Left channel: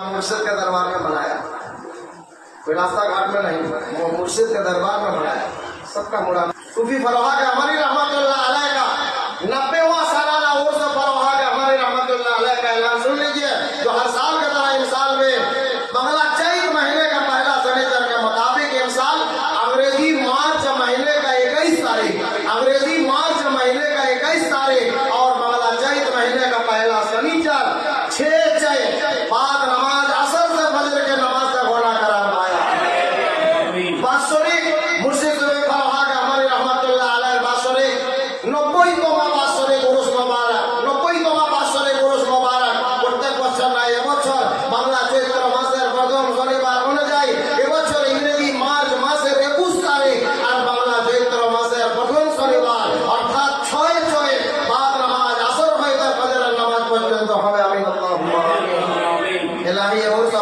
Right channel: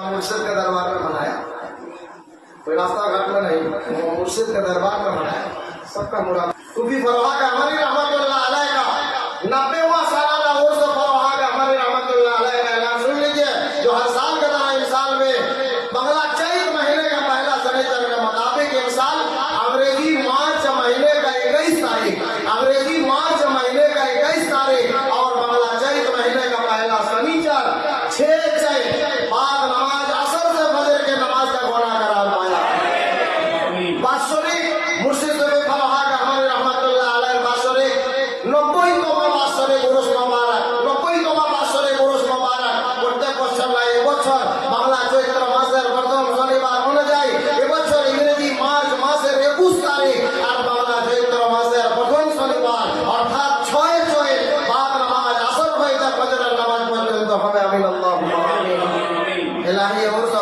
मुर्शिद के दरबार में मनाया, कोई रास्ता घाट में नहीं, वो मुर्शिद के दरबार में मनाया। सबका मुराद सूफी फरहा के हमारी रहमतुल्लाह अलैह का 90वां सालाना उर्स फरहा के हमारी रहमतुल्लाह अलैह का ऐलान सुन लीजिए, जो हर साल के तरह इस साल में बंगला चैत महीने का पहला शनिचर के मुताबिक एक साल अंग्रेजी मार्च महीने का 21 तारीख, अंग्रेजी मार्च महीने का 21 तारीख और बंगला चैत महीने का पहला शनिचर 6 चैत बाद नमाज असर से फजर के नमाज का गुनाह करार पाया। बासुरी मुर्शिद सूफी फरहा के हमारी रहमतुल्लाह अलैह बासुरी 90 বাৎসরে উরুস মোবারক, 90 বাৎসরে উরুস মোবারক। প্রত্যেক বছর নয়, এবছর বাংলা চৈত্র মাসের প্রথম শনিবার অনুযায়ী এবছর ইংরেজি মার্চ মাসের 21 তারিখ আর বাংলা চৈত্র মাসের প্রথম শনিবার অর্থাৎ 6 চৈত বাদ নামাজ আসর হইতে ফজরের নামাজ পর্যন্ত হয়। আমিন আল্লাহুম্মা আমিন। ইলাহি উরস